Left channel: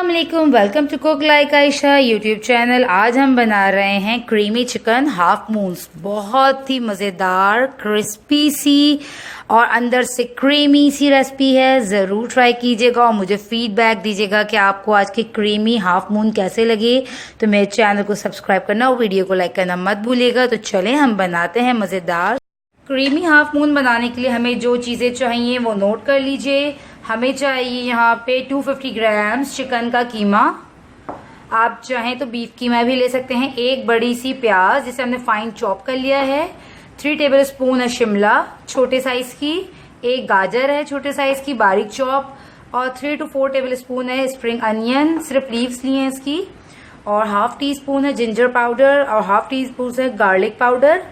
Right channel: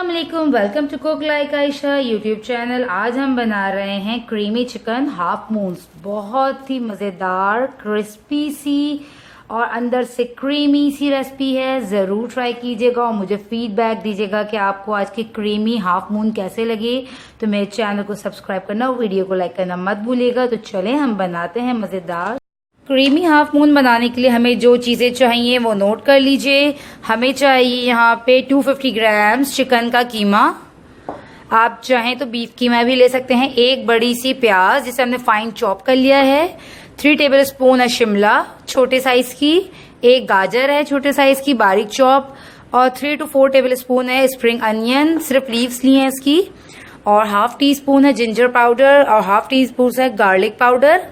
अस्सलामुअलैकुम, welcome to cook like Ayesha YouTube channel. आज हम बना रहे हैं क्रीमी चिकन हाफ मून्स। बहुत ही मज़ेदार क्रिस्पी सी और अंदर से क्रीमी सी रेसिपी है। ज़रूर ट्राई कीजिएगा और मुझे फीडबैक दीजिएगा कि आपको आज की क्रीमी हाफ मून कैसे लगे। तो मेरे चैनल को सब्सक्राइब करना और वीडियो को लाइक करना मत भूलिएगा। तो चलें हम बनाते हैं मज़ेदार क्रीमी हाफ मून। बनाने के लिए हमें जो चीज़ें चाहिए वो नोट कर लीजिए। हमें चाहिए यहाँ पे 250 ग्राम्स चिकन का कीमा। आप चाहें तो बीफ कीमा भी ले सकते हैं। एक बड़ी सी प्याज जिसे हमने फाइन चॉप कर लिया है। 3 टेबल स्पून है शिमला छोटे साइज की। एक गाजर है छोटे साइज की बारीक चॉप। और 3 to 4 टेबल स्पून है स्प्रिंग अनियन, सिर्फ लीव्स ली हैं इसकी। और हाफ टी स्पून है जिंजर पाउडर और हाफ टी स्पून है गार्लिक पाउडर।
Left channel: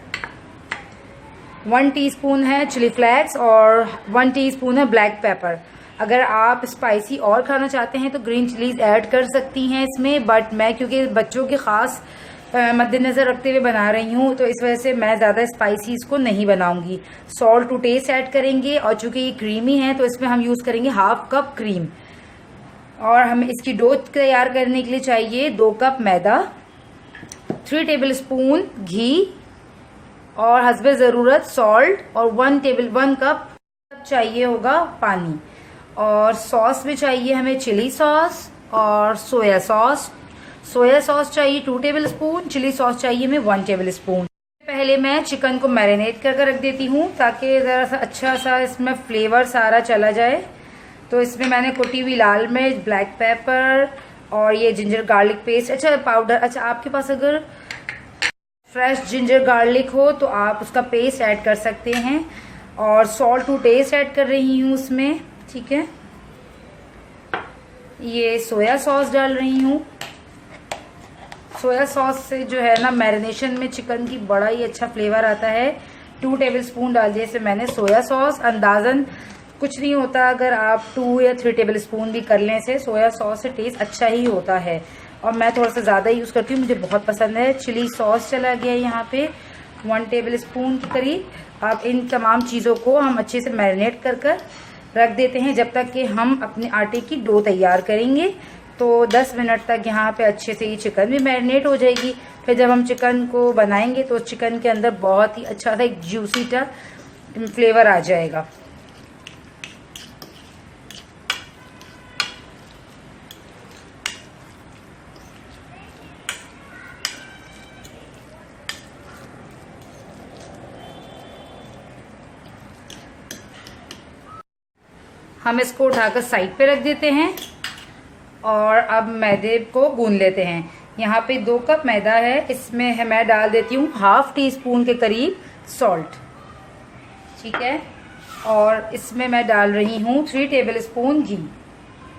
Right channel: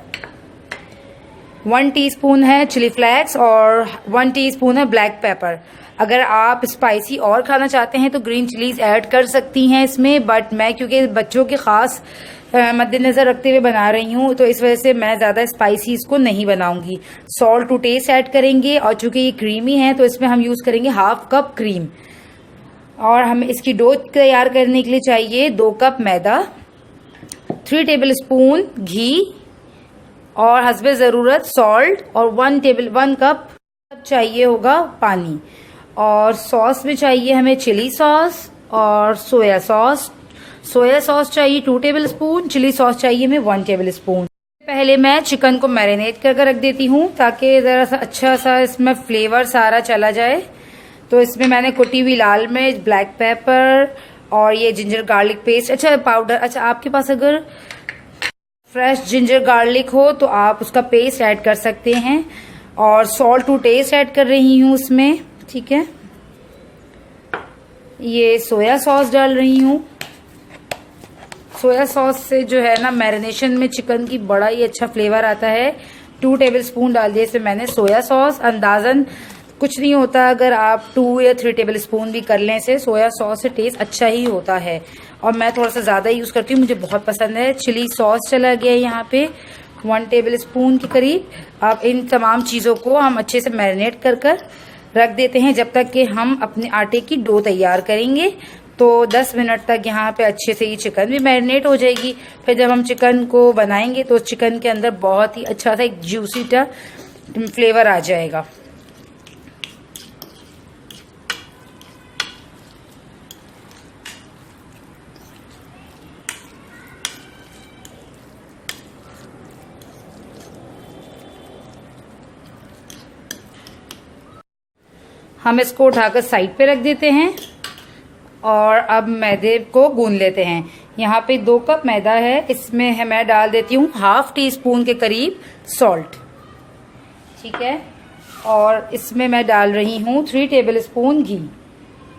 1 टीस्पून है चिली फ्लेक्स और 1 टीस्पून है ब्लैक पेपर। अगर आप स्पाइसी और खाना चाहते हैं तो ग्रीन चिलीज ऐड कर सकती हैं इसमें, बट मैं क्योंकि बच्चों के खास मद्देनजर रखते हुए बना रही हूँ तो इस वजह से मैं ज़्यादा स्पाइसी इसको नहीं बनाऊंगी। सॉल्ट टू टेस्ट ऐड करेंगे और चूंकि ये क्रीमी है तो इसमें हम यूज़ करेंगे हाफ कप क्रीम। और हमें इसकी डो तैयार करने के लिए चाहिए 2 कप मैदा, 3 टेबल स्पून घी और हस्बे ज़रूरत सॉल्ट और 1 कप चाहिए होगा पानी। और सॉस में चाहिए हमें चिली सॉस और सोया सॉस। सोया सॉस चाहिए 2 टेबल स्पून, चिली सॉस चाहिए हमें 1 टेबल स्पून। पहले मैं चिकन को मैरिनेट कर रख देती हूँ ताकि ज़रा सा अच्छा सा इसमें फ्लेवर सारा चला जाए। तो इसमें मैंने कुटी हुई लाल मिर्च, ब्लैक पेपर और ये जिंजर गार्लिक पेस्ट अच्छा पाउडर। अच्छा, आपके पास अगर फ्रेश जिंजर गार्लिक हो तो आप उसका पेस्ट ऐड कर सकते हैं। और सॉल्ट टू टेस्ट ऐड कर रही हूँ उसमें, ठीक है। ये सोया सॉस डाल रही हूँ। सोया सॉस से जो है ना मैरिनेशन में चिकन की बड़ा ही अच्छा फ्लेवर आता है। 2 टेबल स्पून डाल दिए इसमें मैंने सोया सॉस। अंदाजन कुछ नहीं होता अगर आप 2 या 3 टेबल स्पून भी कर लें से सोया सॉस से टेस्ट अच्छा ही होता है। और मैं थोड़ा सा ज़्यादा यूज़ करती हूँ, मुझे बहुत पसंद है। चिली सॉस चला गया यहाँ पे 1 टेबल स्पून के करीब। अब इन तमाम चीज़ों को हम अच्छे से मैरिनेट कर रख देते हैं जब तक कि हम अपने आटे की डो तैयार करेंगे। तो 10 मिनट तक यहाँ पे अच्छे से ये चिकन भी मैरिनेट हो जाएगी। फिर जब हम चिकन को बनाएंगे तो चिकन के अंदर बहुत ही अच्छा सा एक जूसी सा फ्लेवर आ जाएगा। हम इसको उठाकर साइड पे रख देते हैं और अब मैदे को गूंद लेते हैं। यहाँ पे 2 कप मैदा है, इसमें मैं डाल देती हूँ हाफ टी स्पून के करीब सॉल्ट, ठीक है। और इसमें मैं डाल रही हूँ 3 टेबल स्पून घी,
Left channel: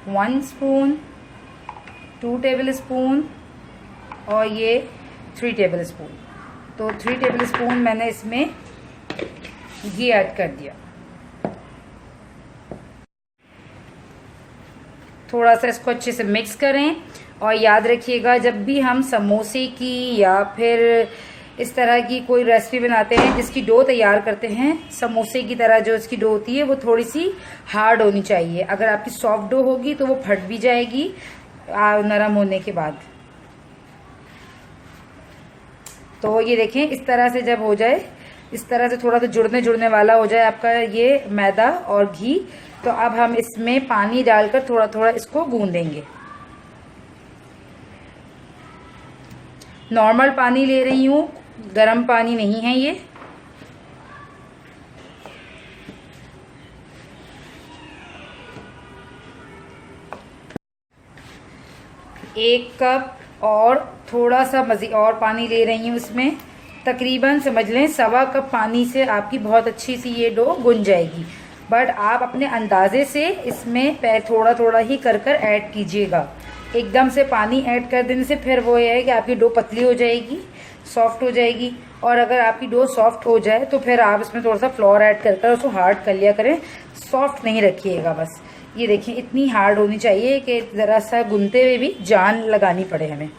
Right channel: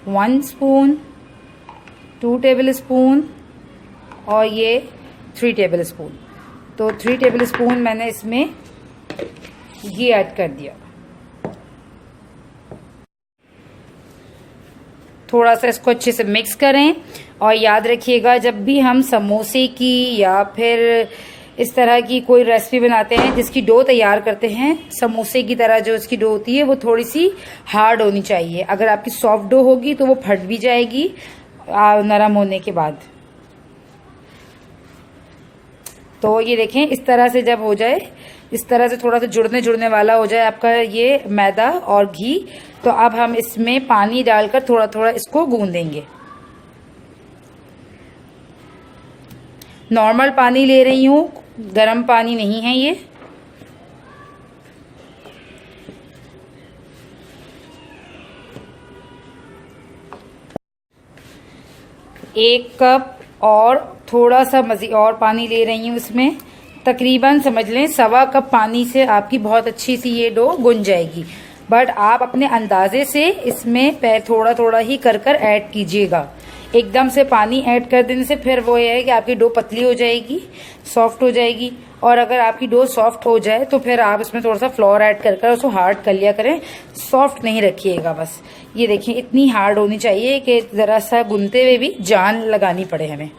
1 स्पून, 2 टेबल स्पून और ये 3 टेबल स्पून। तो 3 टेबल स्पून मैंने इसमें घी ऐड कर दिया। थोड़ा सा इसको अच्छे से मिक्स करें। और याद रखिएगा जब भी हम समोसे की या फिर इस तरह की कोई रेसिपी बनाते हैं जिसकी डो तैयार करते हैं, समोसे की तरह जो इसकी डो होती है वो थोड़ी सी हार्ड होनी चाहिए। अगर आपकी सॉफ्ट डो होगी तो वो फट भी जाएगी नरम होने के बाद। तो ये देखें इस तरह से जब हो जाए, इस तरह से थोड़ा सा जुड़ने वाला हो जाए आपका ये मैदा और घी, तो अब हम इसमें पानी डालकर थोड़ा थोड़ा इसको गूंदेंगे। नॉर्मल पानी ले रही हूँ, गर्म पानी नहीं है ये। एक कप और थोड़ा सा मज़ीद और पानी ले रही हूँ इसमें। तकरीबन समझ लें 1.25 कप पानी से आपकी बहुत अच्छी सी ये डो गुन जाएगी। बट आप अपने अंदाजे से इसमें थोड़ा थोड़ा ही कर ऐड कीजिएगा। एकदम से पानी ऐड कर देने से फिर वो ये है कि आपकी डो पतली हो जाएगी, सॉफ्ट हो जाएगी। और अगर आपकी डो सॉफ्ट हो जाए तो फिर आप इसमें थोड़ा सा फ्लोर ऐड कर उसको हार्ड कर लिया करें, सॉफ्ट नहीं रखिएगा बस। ये देखिए इतनी हार्ड होनी चाहिए कि ज़रा सा गुनते हुए भी जान लगानी पड़े हमें।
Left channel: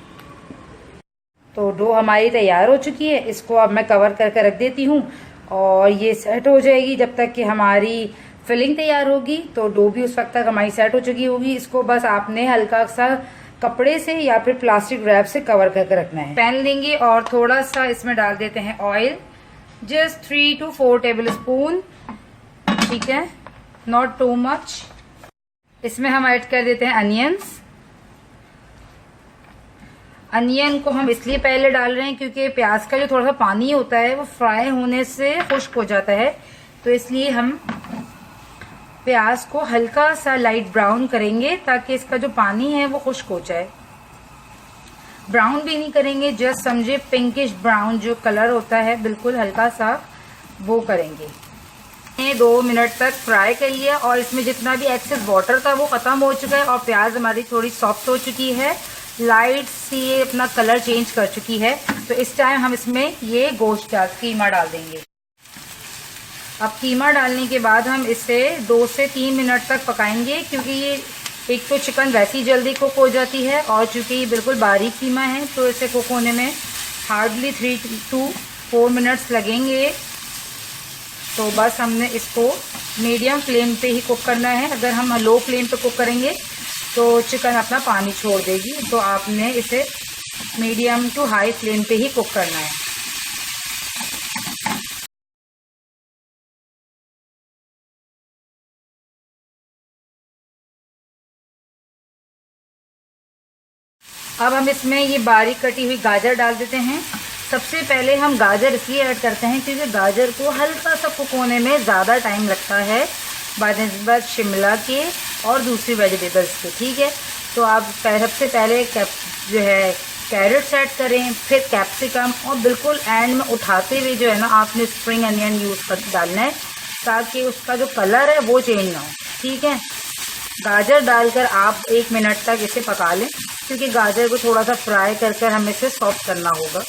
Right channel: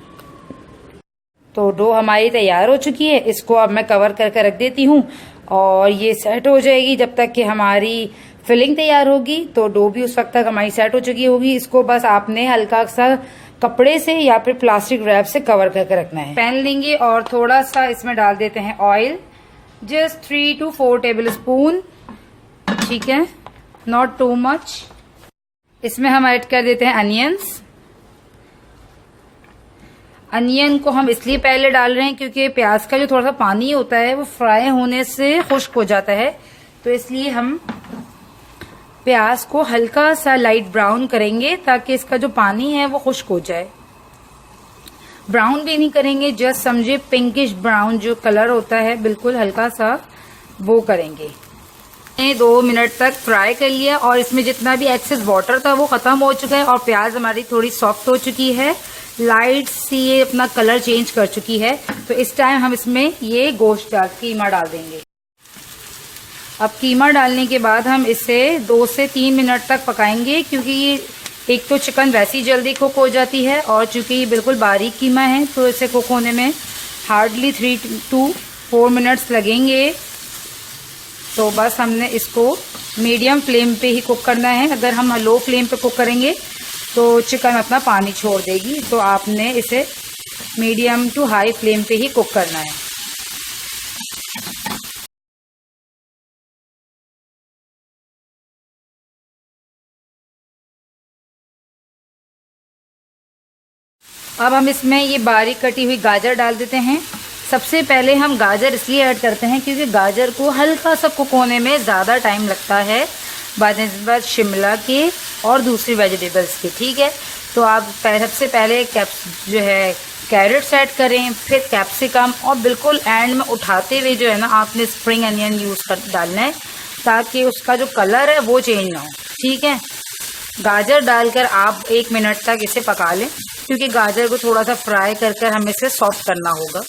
तो डो हमारी तैयार हो चुकी है, इसको अब मैं कवर कर रख देती हूँ और ये सेट हो जाएगी जब तक कि हमारी फिलिंग तैयार होगी तो डो भी उस वक्त तक हमारी सेट हो चुकी होगी। इसको बस आपने हल्का सा कपड़े से या फिर प्लास्टिक रैप से कवर करके रखना है। पैन लेंगे और थोड़ा सा इसमें डाल देते हैं oil, just 3 to 4 table spoon, ठीक है, नॉट टू मच। इसमें हम ऐड कर देते हैं अनियंस। अनियन को हम इसलिए पहले डाल रहे हैं क्योंकि प्याज का जो थोड़ा सा पानी होता है वो फ्राई होने से खुश्क हो जाता है, तो इसलिए हम प्याज को हल्का सा लाइट ब्राउन करेंगे ताकि इसका जो पानी है वो खुश्क हो जाए। ब्राउन भी नहीं करेंगे, जस्ट समझे पिंकिश ब्राउन जो कलर होता है बिल्कुल हल्का सा वो करेंगे। 2 मिनट तक फ्राई कर लिया और इसमें जितना भी एक्सेस वाटर था वो खत्म हो चुका है और प्याज हमारी थोड़ी सॉफ्ट हो चुकी है, लाइट सी ये अपना कलर चेंज कर चुकी है। तो इस टाइम हम इसमें ये गोश्त कीमा डाल देंगे। अब कीमा डालने के बाद हम इसे 2 से 3 मिनट तक पकाएंगे, क्योंकि ये एक तो चिकन वैसे ही जल्दी कुक हो जाती है और चूंकि ये बिल्कुल बारीक कीमा है तो इसे कुक होने में हार्डली 3 to 4 मिनट्स लगेंगे। तो बस हमने इसको मीडियम फ्लेम पे ही कुक करना है। अगर हम लो फ्लेम पे कुक करेंगे तो चिकन अपना पानी छोड़ देगी, तो आपने इसे मीडियम टू हाई फ्लेम पे ही कुक करना है। अब हम इसमें ये बारीक कटी हुई गाजर डाल देते हैं। सबसे पहले हम गाजर इसलिए ऐड करते हैं क्योंकि गाजर को हल्का सा कुक होने में ज़्यादा टाइम लगता है बनिस्बत शिमला के और दूसरी वेजिटेबल्स के, ठीक है। तो आप सबसे पहले जो है कैरेट्स ऐड करें, फिर कैप्सिकम और बिल्कुल एंड में उठाते हुए जो है ना आपने स्प्रिंग अनियन यूज़ कर डालना है ताकि उसका जो कलर है वो चेंज ना हो, ठीक है। गाजर डालकर आप 1 मिनट तक इसे पका लें, क्योंकि गाजर को थोड़ा सा फ्राई कर हमें इसे सॉफ्ट करना होगा।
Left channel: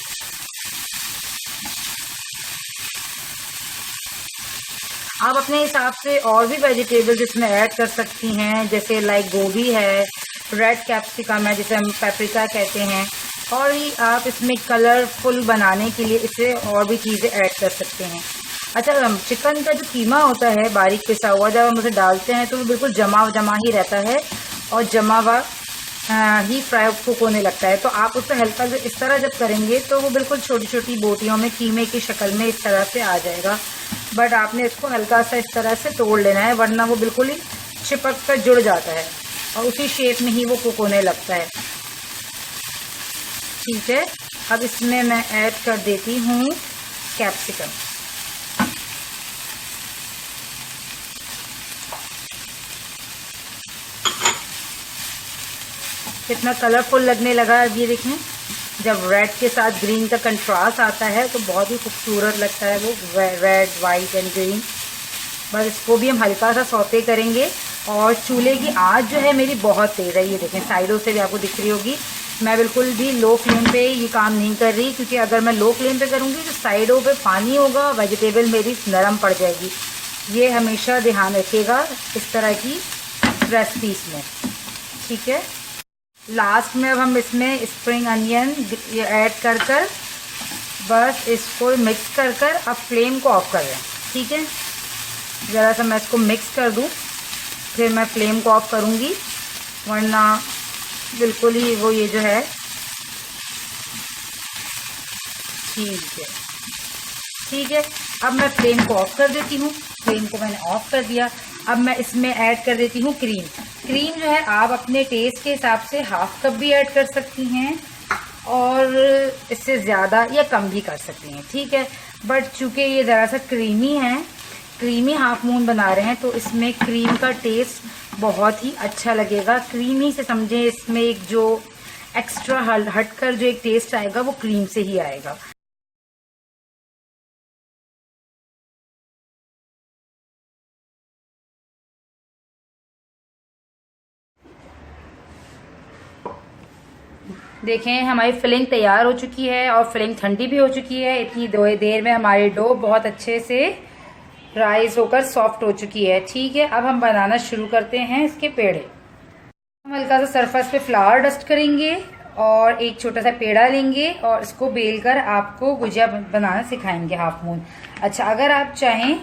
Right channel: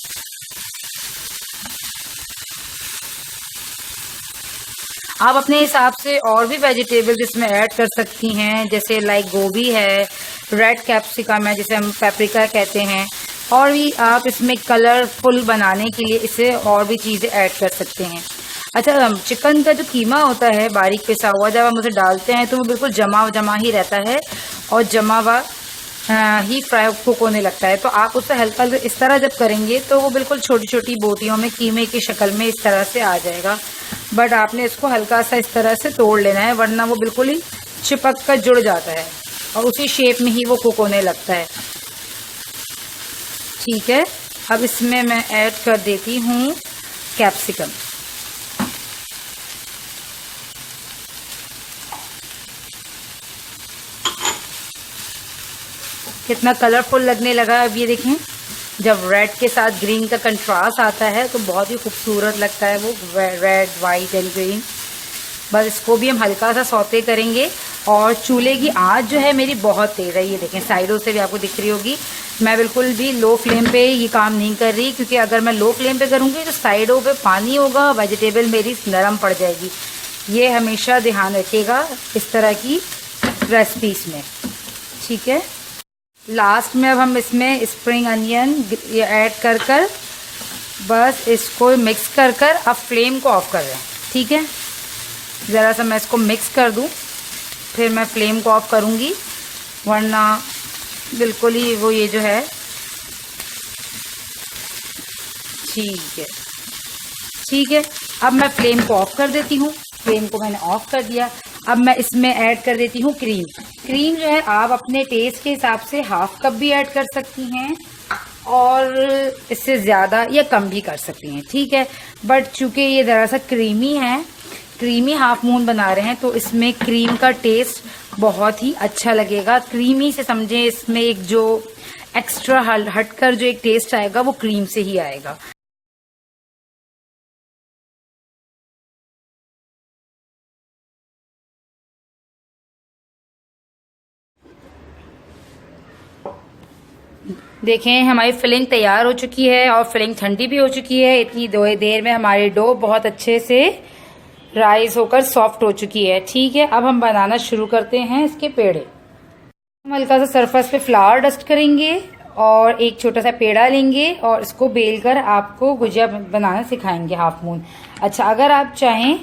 आप अपने हिसाब से और भी वेजिटेबल्स इसमें ऐड कर सकती हैं, जैसे लाइक गोभी है, रेड कैप्सिकम है जिसे हम पेपरिका कहते हैं, और भी आप इसमें कलरफुल बनाने के लिए इसे और भी चीज़ें ऐड कर सकते हैं। अच्छा, चिकन का जो कीमा होता है बारीक पिसा हुआ, जब हम उसे डालते हैं तो वो बिल्कुल जमा जमा ही रहता है और जमा हुआ ही फ्राई कुक होने लगता है। तो आप उसे हल्का इस तरह जब करेंगे तो वो बिल्कुल छोटी छोटी बोटियों में कीमे की शक्ल में इस तरह से आ जाएगा। बट आपने इसको हल्का सा इस तरह से तोड़ लेना है, वरना वो बिल्कुल ही चिपक कर जुड़ जाता है और उसी शेप में ही वो कुक होने लगता है, ठीक है। अब इसमें मैं ऐड कर देती हूँ कैप्सिकम। कितना कलरफुल लगने लगा। अब ये देखें, जब रेड के साथ ग्रीन का कंट्रास्ट आता है तो बहुत ही खूबसूरत लगता है वो रेड, वाइट एंड ग्रीन। बस इसको भी हम हल्का सा सौते करेंगे और चूल्हे की आंच जो है मेरी बहुत तेज़ है। ये देखें, साइडों से भी आपको दिख रही होगी। मैं बिल्कुल भी लो फ्लेम पे ये काम नहीं कर रही, क्योंकि अगर मैं लो फ्लेम पे करूँगी तो साइडों पे पानी होगा, वेजिटेबल मेरी नरम पड़ जाएगी। ये हमेशा ध्यान रखिएगा इस तरह की रेसिपीज़ में, ठीक है। लास्ट में अब हम इसमें स्प्रिंग अनियन ये ऐड कर बस इसको मिक्स कर अब फ्लेम को ऑफ कर रहे हैं, ठीक है। ज़रा सा मैं इसको मिक्स कर दूं, फिर मैं फ्लेम को ऑफ करूंगी, वरना बिल्कुल ही वो ये जो है, ठीक है। अब मैं फ्लेम को ऑफ कर देती हूँ। फ्लेम को मैंने ऑफ कर दिया। अब मैं इसमें ऐड कर देती हूँ क्रीम। क्रीम जो है आप अपने टेस्ट के हिसाब से हाफ कप भी ऐड कर सकती हैं और इससे ज़्यादा या कम भी कर सकती हैं, ठीक है। बट चूँकि ये ज़रा सा क्रीमी है, क्रीमी हाफ मून बना रहे हैं, तो इसमें क्रीम का टेस्ट बहुत ही अच्छा लगेगा। क्रीमी से समझें इसमें एक जो एक्स्ट्रा हटकर जो एक टेस्ट आएगा वो क्रीम से ही आएगा। देखें, हमारी फिलिंग तैयार हो चुकी है और फिलिंग ठंडी भी हो चुकी है। इतनी देर में हमारी डो बहुत अच्छे से राइस होकर सॉफ्ट हो चुकी है, ठीक है। अब हम बनाना शुरू करते हैं इसके पेड़े। हम हल्का सा सरफेस पे फ्लावर डस्ट करेंगे और एक छोटा सा पेड़ा लेंगे और इसको बेल कर आपको गुजिया बनाना सिखाएंगे हाफ मून। अच्छा, अगर आप चाहें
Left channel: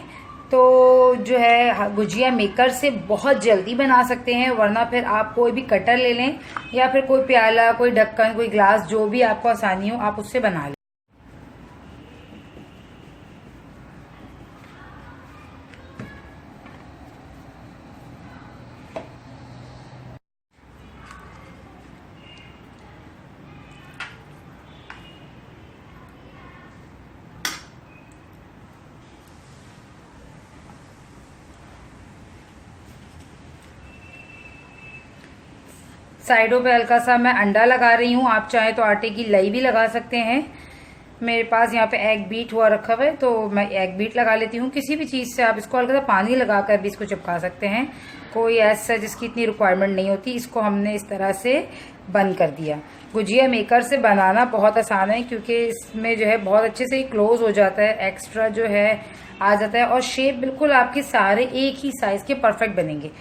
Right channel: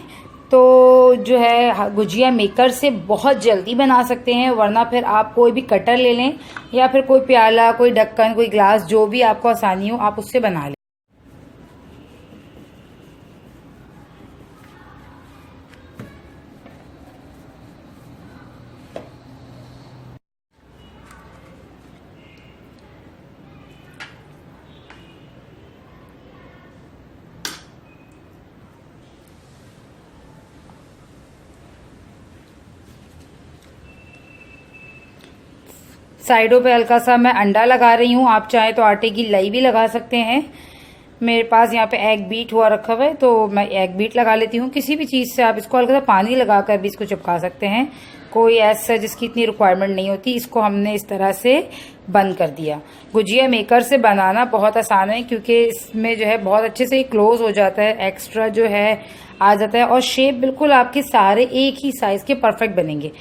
तो जो है गुजिया मेकर से बहुत जल्दी बना सकते हैं, वरना फिर आप कोई भी कटर ले लें या फिर कोई प्याला, कोई ढक्कन, कोई ग्लास, जो भी आपको आसानी हो आप उससे बना लें। साइडों पे हल्का सा मैं अंडा लगा रही हूँ, आप चाहें तो आटे की लई भी लगा सकते हैं। मेरे पास यहाँ पे एग बीट हुआ रखा हुआ है तो मैं एग बीट लगा लेती हूँ। किसी भी चीज़ से आप इसको हल्का सा पानी लगाकर भी इसको चिपका सकते हैं, कोई ऐसा जिसकी इतनी रिक्वायरमेंट नहीं होती। इसको हमने इस तरह से बंद कर दिया। गुजिया मेकर से बनाना बहुत आसान है क्योंकि इसमें जो है बहुत अच्छे से क्लोज हो जाता है, एक्स्ट्रा जो है आ जाता है और शेप बिल्कुल आपके सारे एक ही साइज के परफेक्ट बनेंगे।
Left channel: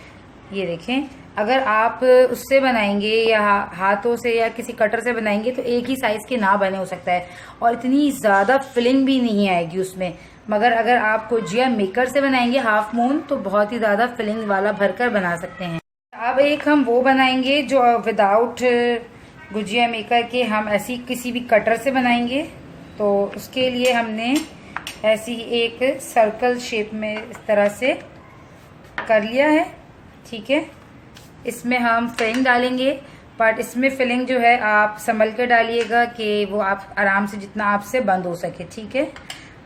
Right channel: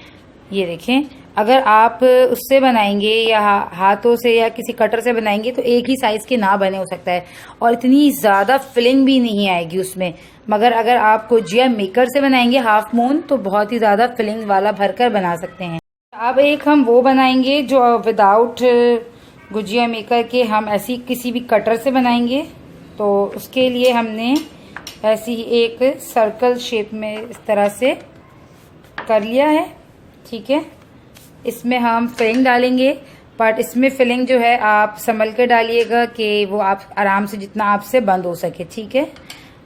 ये देखें, अगर आप उससे बनाएंगे या हाथों से या किसी कटर से बनाएंगे तो एक ही साइज के ना बने, हो सकता है, और इतनी ज़्यादा फिलिंग भी नहीं आएगी उसमें। मगर अगर आप गुजिया मेकर से बनाएंगे हाफ मून तो बहुत ही ज़्यादा फिलिंग वाला भरकर बना सकते हैं। अब एक हम वो बनाएंगे जो विदाउट गुजिया मेकर के हम ऐसी किसी भी कटर से बनाएंगे। तो उसके लिए हमने ऐसी एक सर्कल शेप में इस तरह से कर लिया है, ठीक है। इसमें हम फिलिंग डालेंगे, बट इसमें फिलिंग जो है आप संभल के डालिएगा कि वो आप आराम से जितना आपसे बंद हो सके, ठीक है।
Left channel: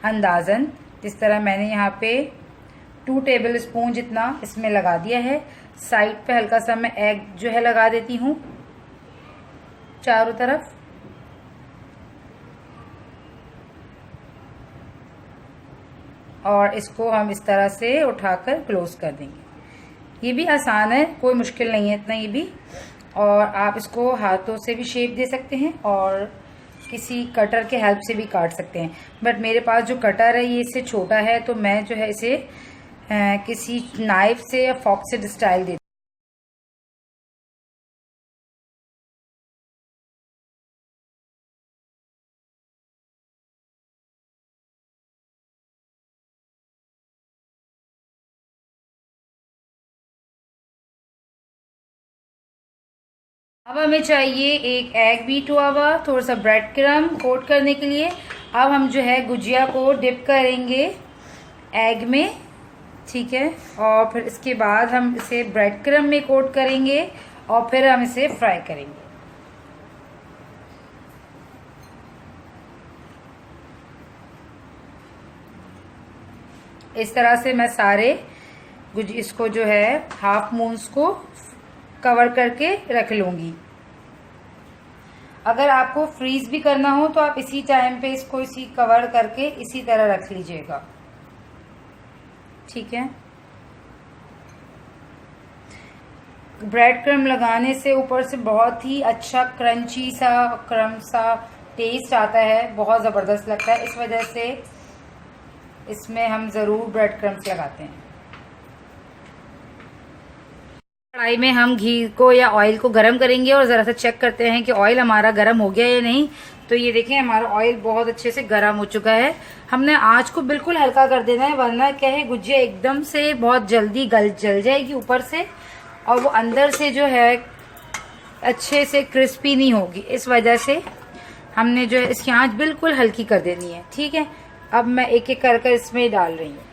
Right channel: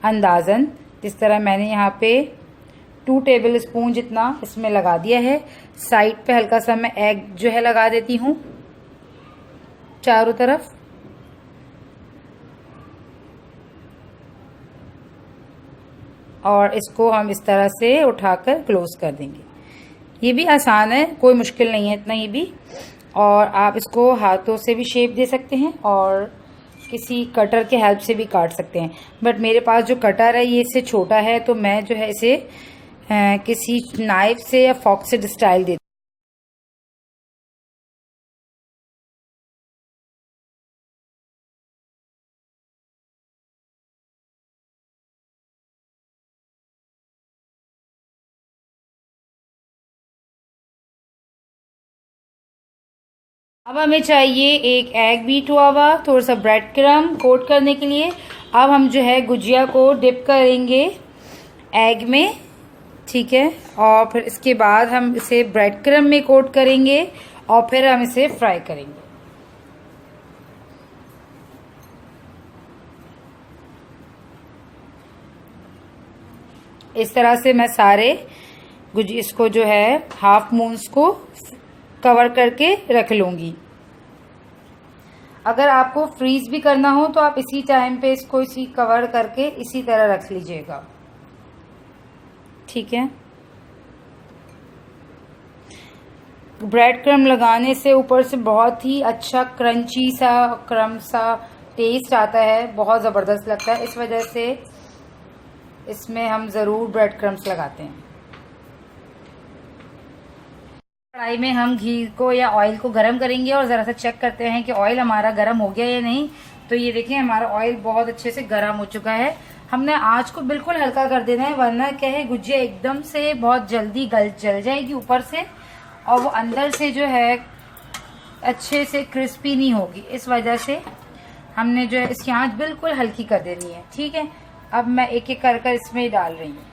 अंदाज़न जिस तरह मैंने यहाँ पे 2 टेबल स्पून जितना इसमें लगा दिया है। साइड पे हल्का सा मैं एग जो है लगा देती हूँ चारों तरफ। और इसको हम इस तरह से उठाकर क्लोज कर देंगे। ये भी आसान है, कोई मुश्किल नहीं है इतना ये भी। और आप इसको हाथों से भी शेप दे सकते हैं और किसी कटर के हेल्प से भी काट सकते हैं। बट मेरे पास जो कटर है ये इससे छोटा है तो मैं जो है इसे किसी नाइफ से या फॉर्क से स्टाइल देती हूँ। अब हमें चाहिए एक एग बीट हुआ हुआ, थोड़ा सा ब्रेड क्रम कोट करने के लिए। अब हम जो है गुजिया को डिप करेंगे एग में, ठीक है। और फिर इसके बाद हम इसे ब्रेड क्रम में कोट करेंगे और फिर हम इसे फ्राई करेंगे। इस तरह से मैं सारे इसको जो है हाफ मून्स को कवर करके रख लूंगी। अगर आपको फ्रीज भी करना हो तो आप इसी टाइम पे इसको इसी कवर करके इसी तरह रख लीजिएगा, ठीक है। ब्रेड क्रम लगाने से ऊपर से बहुत ही अच्छा क्रंची सा क्रम सा टेस्ट आता है, बहुत ज़बरदस्त लगता है। इस वजह से इसमें हम ज़रूर ब्रेड क्रम्स लगाते हैं। कढ़ाई में हम घी को या ऑयल को गरम करेंगे और ज़रा सा चेक करते हैं कि ऑयल हमारा गरम हो गया या नहीं। तो ये देखिए हमारा ऑयल बहुत अच्छे से गरम हो चुका है। हमने आंच को बिल्कुल हल्का कर देना है, वरना क्या है गुजिया एकदम से बहुत जल्दी जल जाएगी ऊपर से और वो अंदर से जो है अच्छे से क्रिस्पी नहीं होगी। इस वजह से हमने जो है इसकी आंच बिल्कुल हल्की कर देनी है, ठीक है। अब मैं एक एक कर इसमें डाल रही हूँ।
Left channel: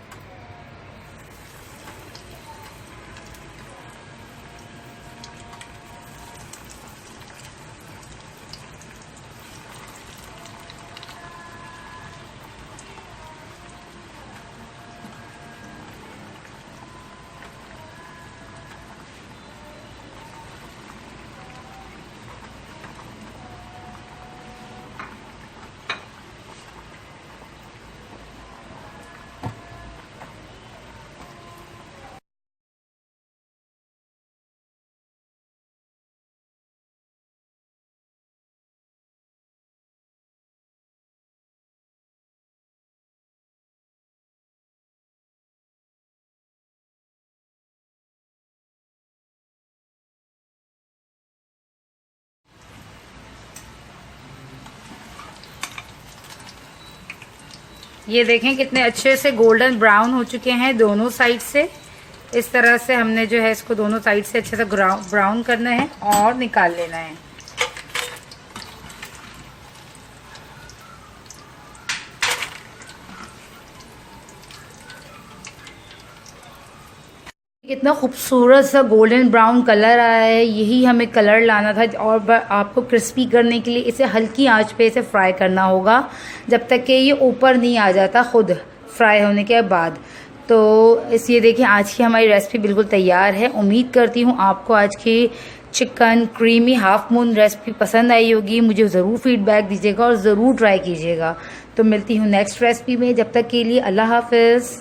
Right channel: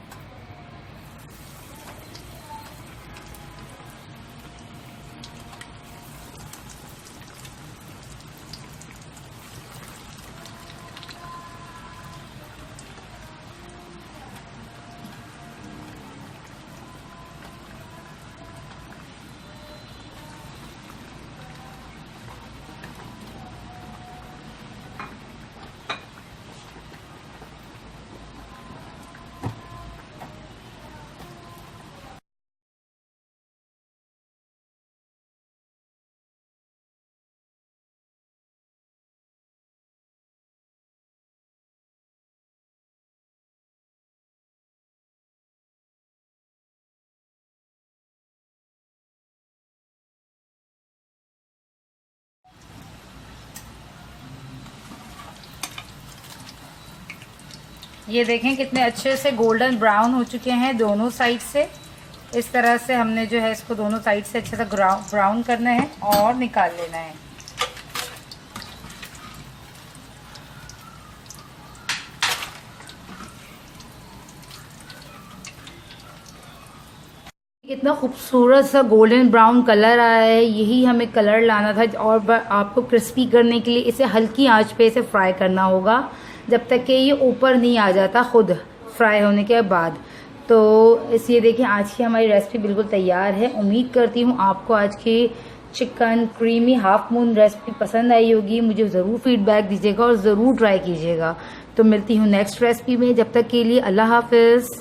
ये देखें कितने अच्छे से गोल्डन ब्राउन हो चुके हैं दोनों साइड से। इस तरह से हमने जो है इसको दोनों साइड से अच्छे से ब्राउन करना है और निकाल लेना है। कितना खूबसूरत सा गोल्डन ब्राउन कलर आया है, यही हमें कलर लाना था। और आपको क्रिस्पी करने के लिए इसे हल्की आंच पे इसे फ्राई करना होगा जब तक कि ये ऊपर नहीं आ जाता खुद फ्राई होने के बाद। तो ये देखिए आज की हमारी रेसिपी बिल्कुल तैयार है। उम्मीद करती हूँ आपको आज की chicken creamy half moon recipe पसंद आई होगी। मुझे ज़रूर फीडबैक दीजिएगा और ज़रूर ट्राई कीजिएगा। तो मिलती हूँ नेक्स्ट रेसिपी में, जब तक के लिए अल्लाह हाफिज़।